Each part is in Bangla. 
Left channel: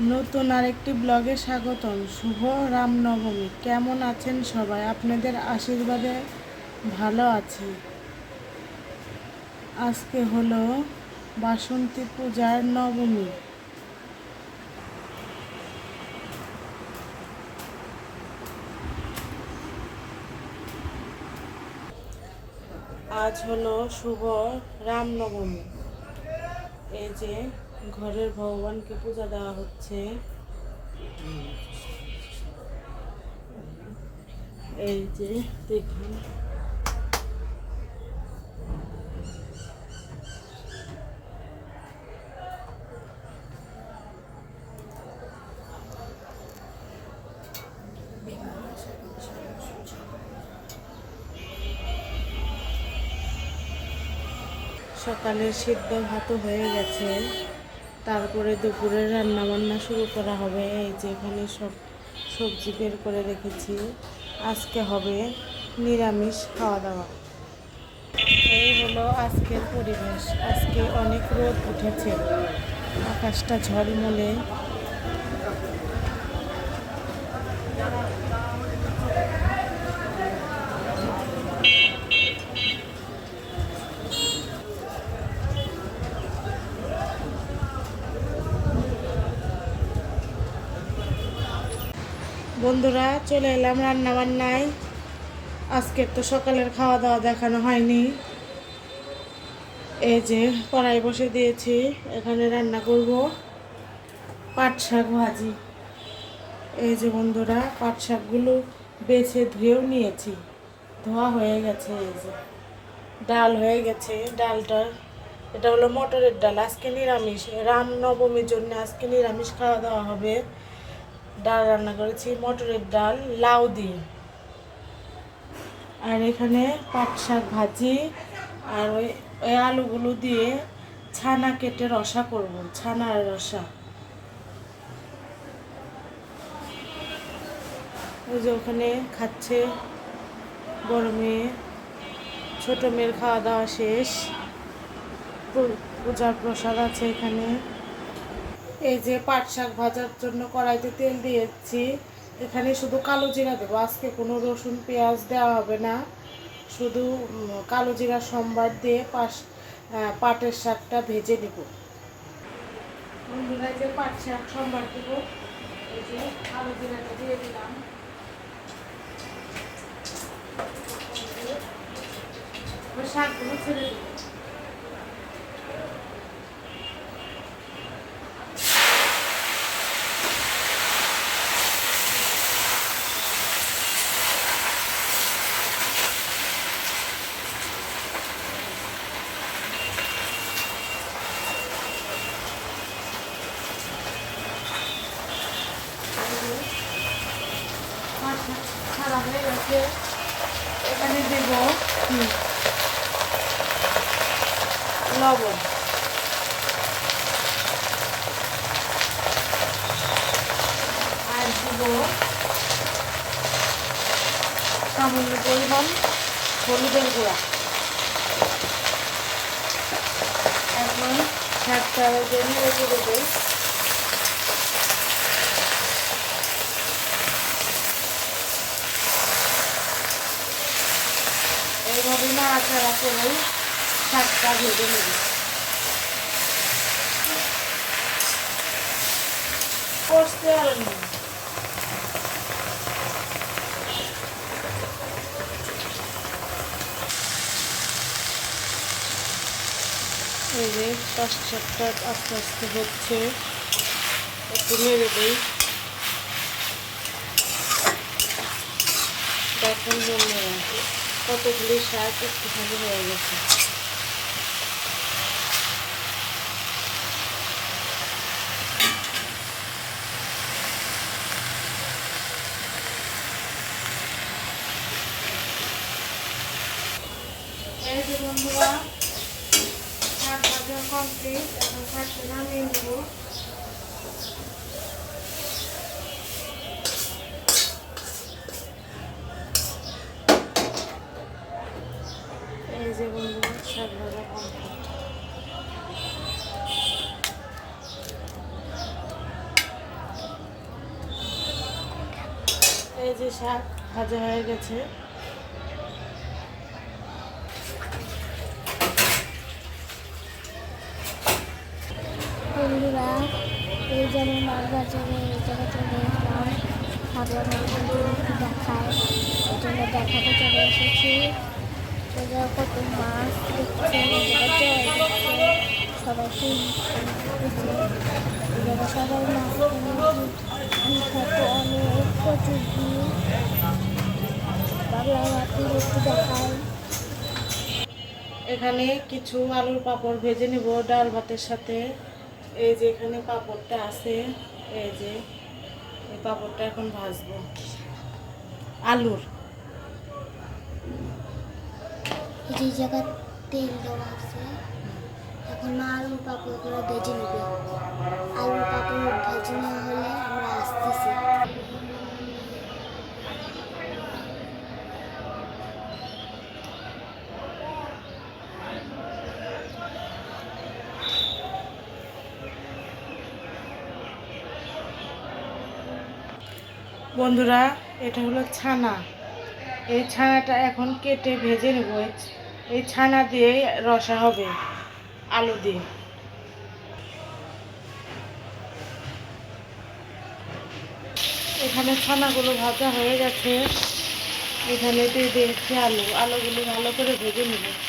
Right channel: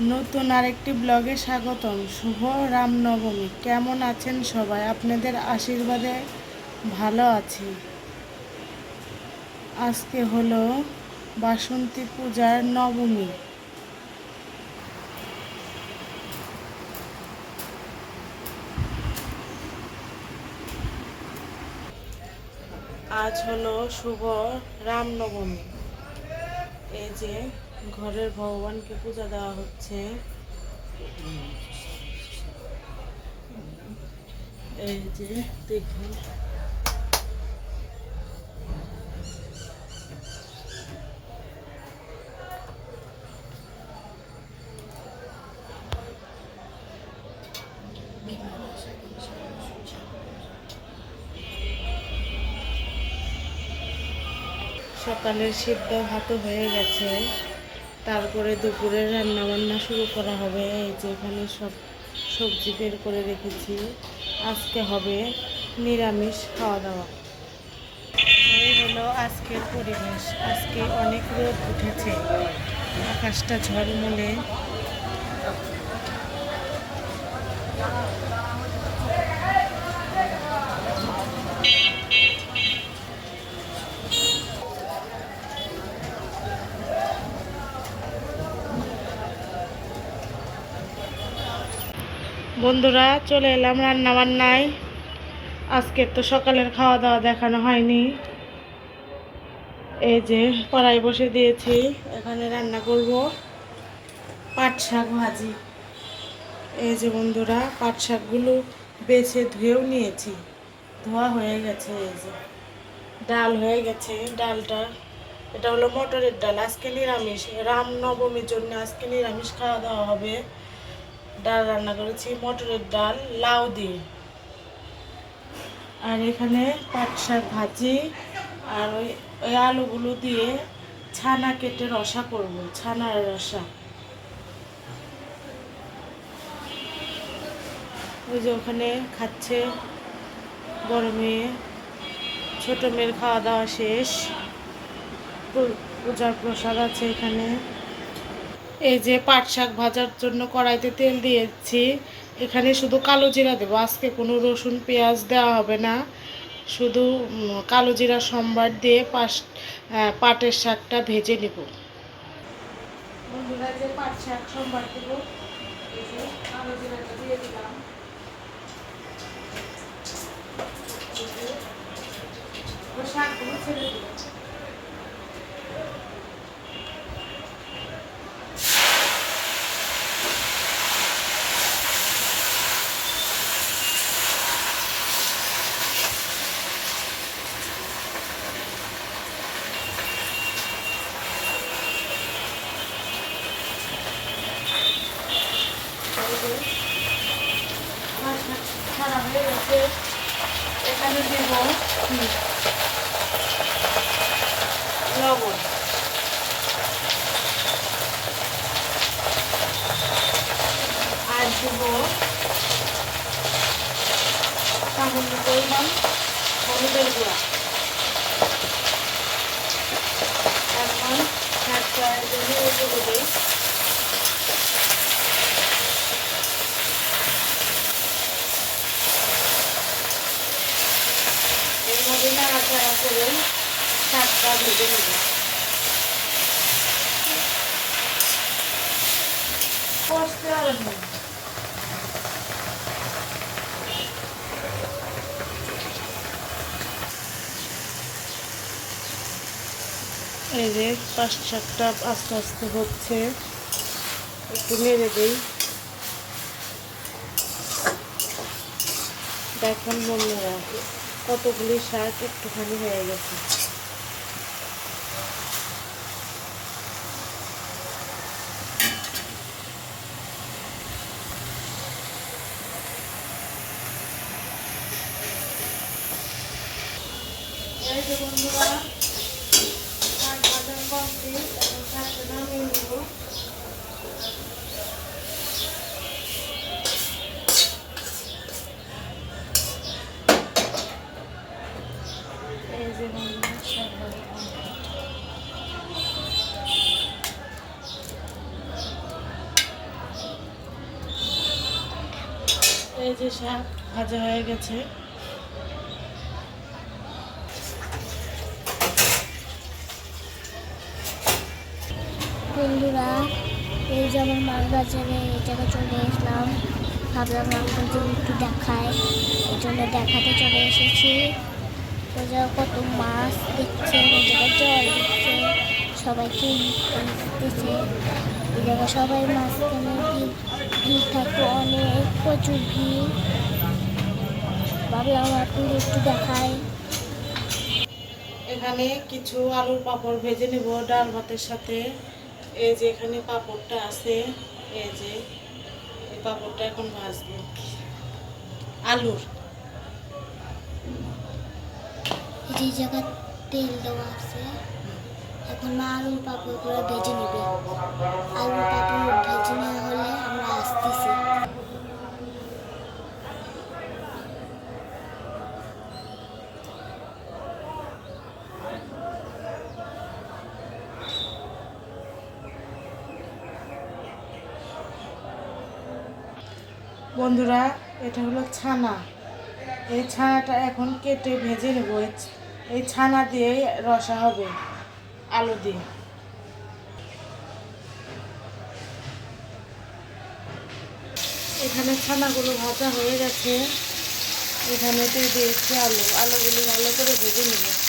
নতুন আরেকটি ব্লগে স্বাগতম। শুভ রামনবমী। কেমন আছেন সবাই? আপনাদের আশীর্বাদে ভালো আছি। আজকে হলো বাসন্তী পূজার নবমী। আজ হলো শুভ রামনবমী। এই যে ঘরের ভগবানকে পূজা দেওয়া হচ্ছে। এই যে দেখুন। সকালের সিদ্ধ ভাতও হয়ে গেছে। তারপরে দুপুরে রান্না বান্না শুরু করা হবে। এই যে এখানে সব সবজি বের করে রেখেছি। আজকে হবে নিরামিষ খাওয়া দাওয়া। এই হলো আজকের পরিবেশ। আজকে অনেক রোদ উঠেছে। আকাশটা ঝলমলে। বন্ধুরা, চলে এলাম রান্না বান্নায় আজকের তো সকালের খাওয়া দাওয়া দেখানো হয়নি। এই যে কড়াই বসে দিয়েছি, এখানে রান্না করব। পাট শাক ভাজি। এই যে বন্ধুরা, পাট শাকগুলো বেছে ধুয়েও নিয়েছি। ধোয়া হয়ে গেছে, এই যে। ডাল হয়ে গেছে, ডালটা, এটা হলো মটরের ডাল। আজকে নিরামিষ। রাম নবমীর জন্য আজকে নিরামিষ খাওয়া দাওয়া হবে। ডাল রান্না করেছি, মটরের ডাল, লাউ দিয়ে। আর এখানে পাট শাক ভাজি, আর ওই ওই আলুগুলো দিয়ে ছানা কেটে রসা করব ছানার রসা। ওই যে ওখানে খাচ্ছে বড় মেয়ে, ছোট মেয়ের খাওয়া দাওয়া শেষ পূজার প্রসাদ আছে এখানে। এই যে পাট শাক ভাজার জন্য কড়াইতে তেল দিয়েছি। এখানে শুধু কালো জিরা দেবো। আজকে কোনো রসুন, পেঁয়াজ দেওয়া হবে না। শুধু কালো জিরা, সম্বার দিয়ে পাশ পাটের শাকটা ভেজে নেব। বন্ধুরা যে পাট শাক, সম্বার দেব। কালো জিরাটা দিয়ে দিলাম। শাকগুলো ছেড়ে দেবো। ছাড়া হয়ে গেছে এখানে দেব লবণ আর দেব সামান্য পরিমাণ হলুদের গুঁড়া এখন এইভাবে নাড়াচাড়া করে শাকটা পারেন এই যে পাঁচ শাকটা আস্তে আস্তে হচ্ছে, একটু নেড়ে দিই। দেখুন বন্ধুরা। কতগুলি শাক একটুখানি হয়ে গেছে। এই যে বন্ধুরা কমপ্লিট নামিয়ে এই যে শাক ভাজা হয়ে গেছে। বন্ধুরা, এই যে যেমন মাছ বাজারে এই জায়গায় চলে আসলাম। ভাবলাম আপনাদের একটু দেখায় এই জন্য দেখাতে চলে এসেছি। কত মাছ দেখছে এই জল দিচ্ছে সবাইকে এই জায়গায় সবাই মাছ ভিড় অনেক প্রচুর ভিড় ভাবলাম আপনাদের একটু দেখায় এখানে কিছু আলুর পাঁপড় ভেজে নেব, ডাল ভাতের সাথে। এই যে এখানে পাঁপড়টা আছে, এই যে এই পাঁপড়টা এখন ভাজবো। আলুর। যে জায়গায় তেল দেওয়া আছে। এখন মা আলুর পাপড় করে ভেজে নেবে। আলুর পাপড় ভেজে নেওয়া হলে আমরা আসতেছি। বন্ধুরা, এটা হলো ছানা। এই ছানাটা এখন কেটে ভেজে নেব। এই ছানা দিয়ে রসা হবে, আলু দিয়ে। এখানে ছানাগুলো ভাজা হয়ে গেছে। এখানে দিয়ে দিয়েছি আলু। আলুগুলো ভালো করে ভেজে নেব।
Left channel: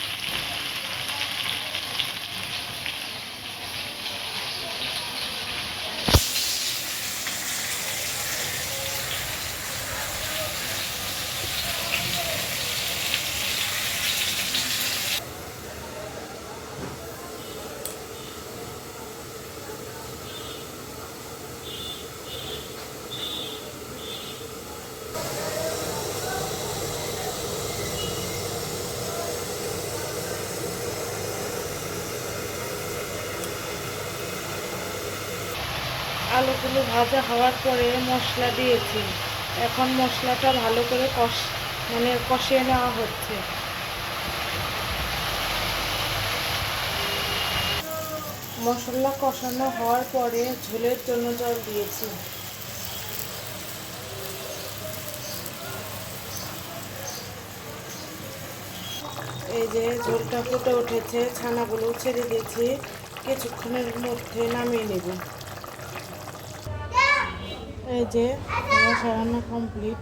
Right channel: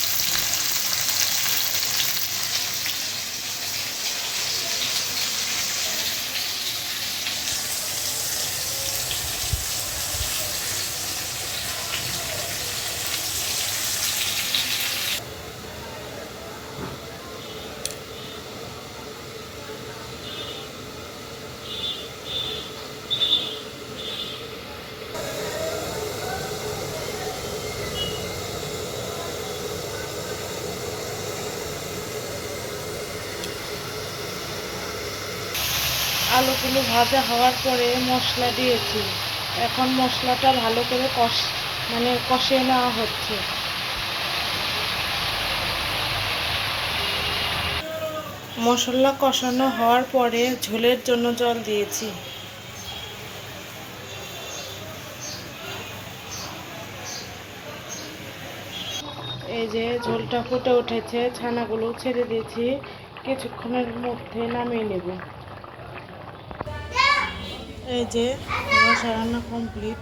আলুগুলো ভাজা হওয়ার পরে মশলা দিয়েছি। এখন মশলাটা ভালো করে কষ মানে কষিয়ে নেওয়া হচ্ছে। মশলা কষানো হওয়ার পরে ঝোলের জন্য জল দিয়েছি। এই যে ঝোলটা ফুটে উঠেছে, ছানাগুলো ছেড়ে দিয়েছি। কিছুক্ষণের মধ্যে নামিয়ে নেব। এই যে রসা রান্না কমপ্লিট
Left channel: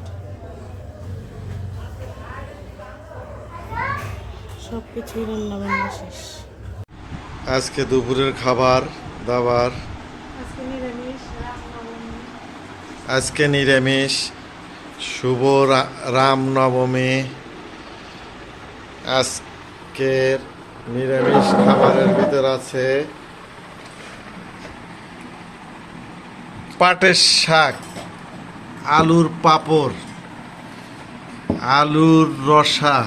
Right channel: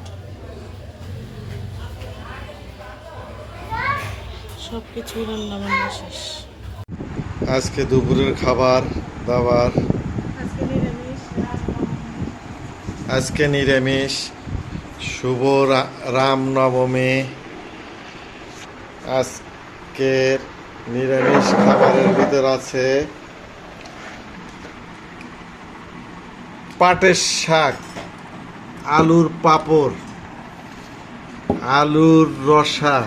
সব কিছুই রান্না বান্না শেষ। আজকে দুপুরের খাবার দাবার। আজকে নিরামিষ। শুভ রামনবমী। আজকের নিরামিষ খাবারের ভিতর আছে পাটের শাক, আলুর পাপড়, আলুর রসা,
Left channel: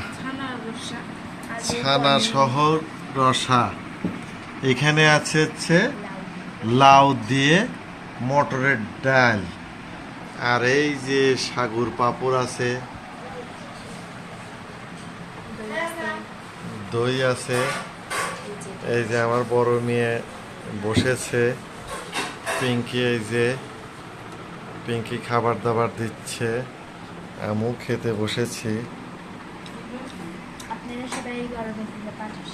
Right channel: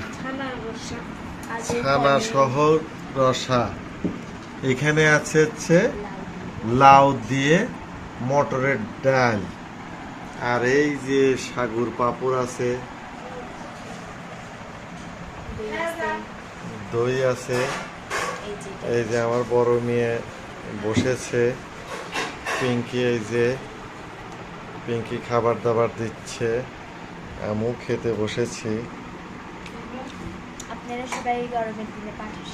ছানা সহ রসা। এখানে আছে হচ্ছে লাউ দিয়ে মটরের ডাল। আর এই যে সাগুর পাপড় আছে, দই আছে, এই যে আমার বড় মেয়ে বসেছে। পিঙ্কি এই যে পিঙ্কি খাবার দাবার দিচ্ছে আমিও খেতে বসেছি। আপনারা সবাই গরমের দিনে পাটের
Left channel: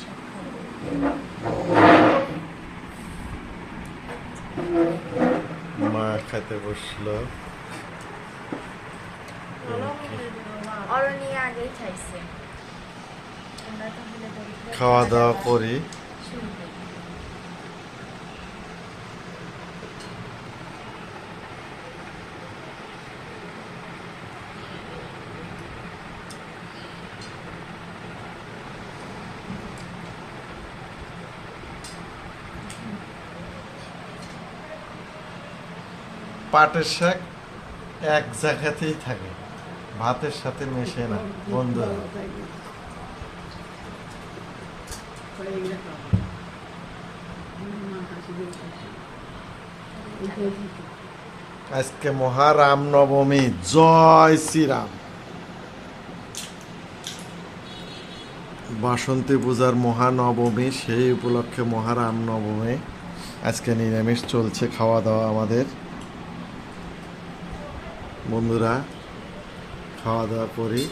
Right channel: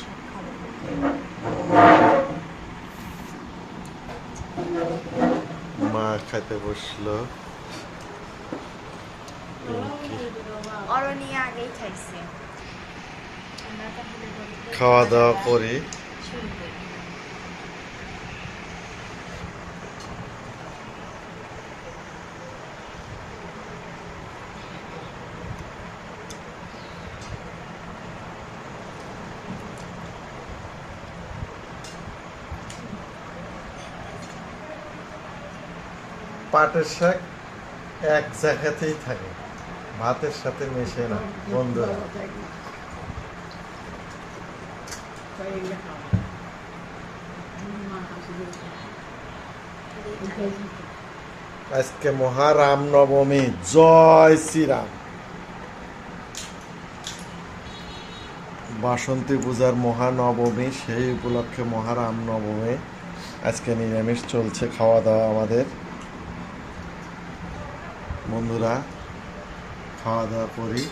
মা খাইতে বসল। খাওয়া দাওয়া করি। পাটের শাক এক জায়গাতেই থাকে। ভাতের সাথে মেশে না বন্ধুরা আজকে মহারাম নবমী জয় শ্রীরাম। বাসন্তী পূজার মহানবমী, সেই উপলক্ষে মহারাম নবমী আজকে নিরামিষ চলছে, খাওয়া দাওয়া আমাদের। বন্ধুরা, খাওয়া দাওয়া করি,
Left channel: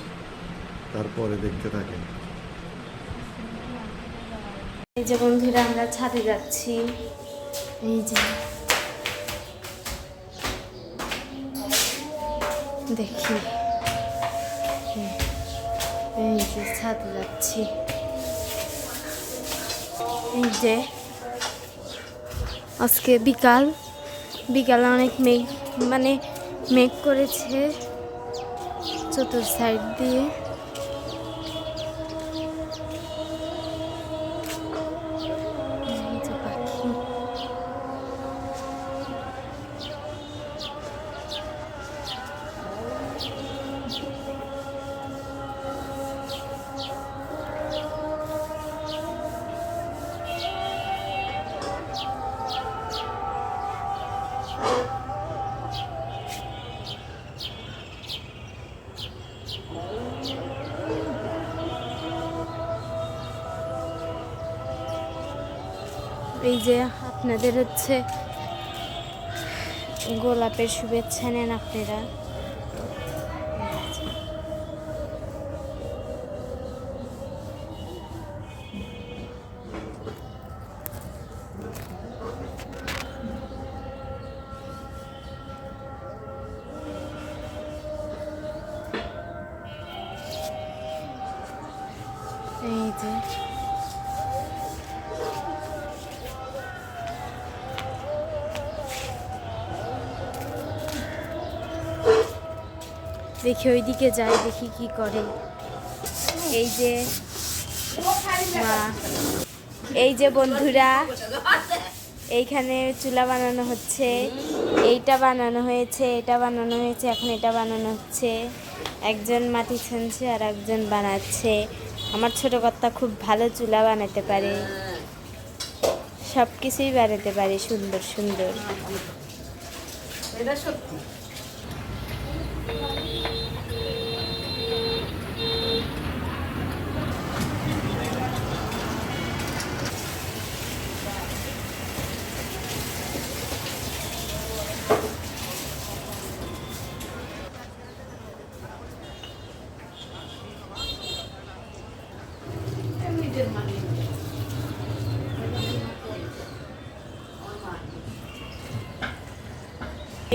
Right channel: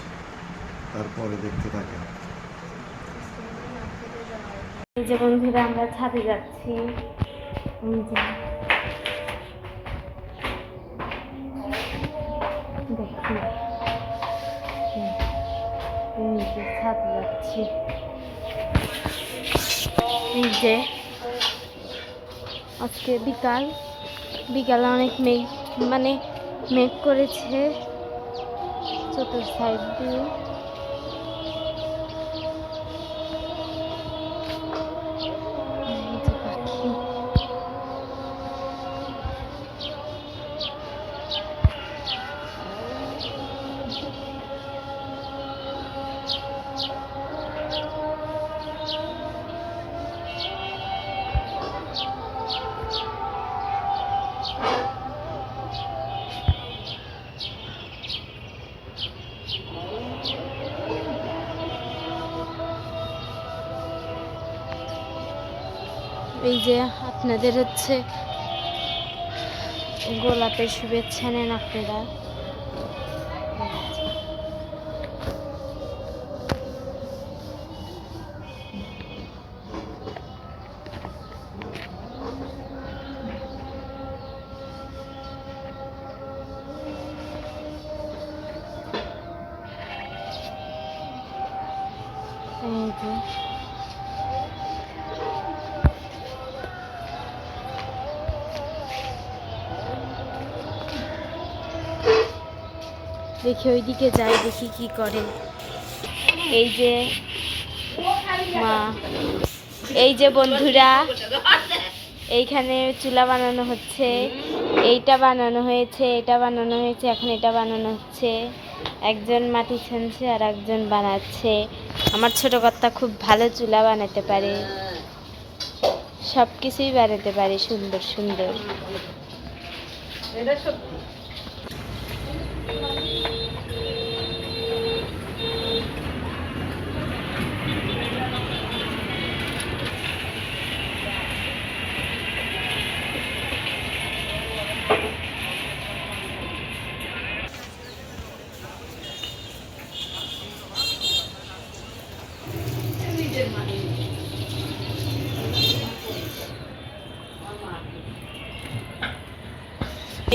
তারপরে দেখতে থাকেন। এই যে বন্ধুরা, আমরা ছাদে যাচ্ছি। এই যে। দেখি। এই যে ছাদে যাচ্ছি। এই যে। আজকে বিকাল। বিকালে অনেক মেঘ মানে মেঘ করেছে চতুর সাইড দিয়ে। এই যে আপনাদের হচ্ছে গোলাপের শুভেচ্ছা নেন আপনারা। দেখি ওইদিকে যাই, দেখি কি করে। এই যে মা, এই যে বন্ধুরা, এইখানে চুলা বানানো হচ্ছে, এইটা বানানো হয়েছে, এটা বানানো হয়েছে, এখন এটা বানানো হচ্ছে। একজন মাটি ছানছে আর একজন বানাচ্ছে। আমার ছোট কর্তা খুব ভালো চুলা বানাতে পারে। সব কিছুই বানাতে পারে সুন্দর সুন্দর। এটা সত্যি। Thank you.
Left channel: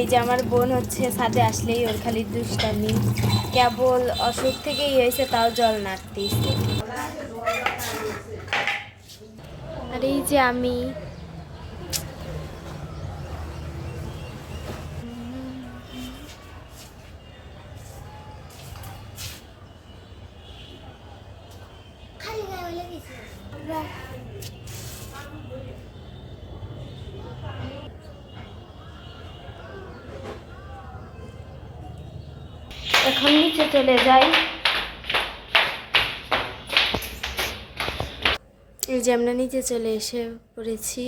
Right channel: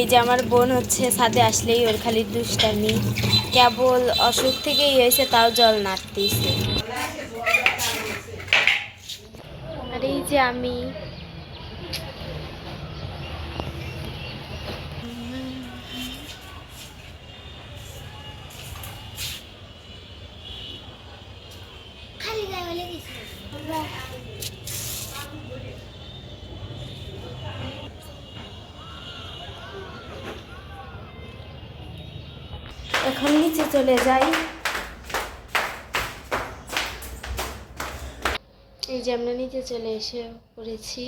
এই যে আমার বোন হচ্ছে সাথে আসলেই ওর খালি দুষ্টামি। কেবল অসুখ থেকেই হয়েছে, তাও জল নাড়তেইছে আর এই যে আমি এখন নিচে চলে যাই। এই যে আমরা নিচে চলে এসে পড়েছি।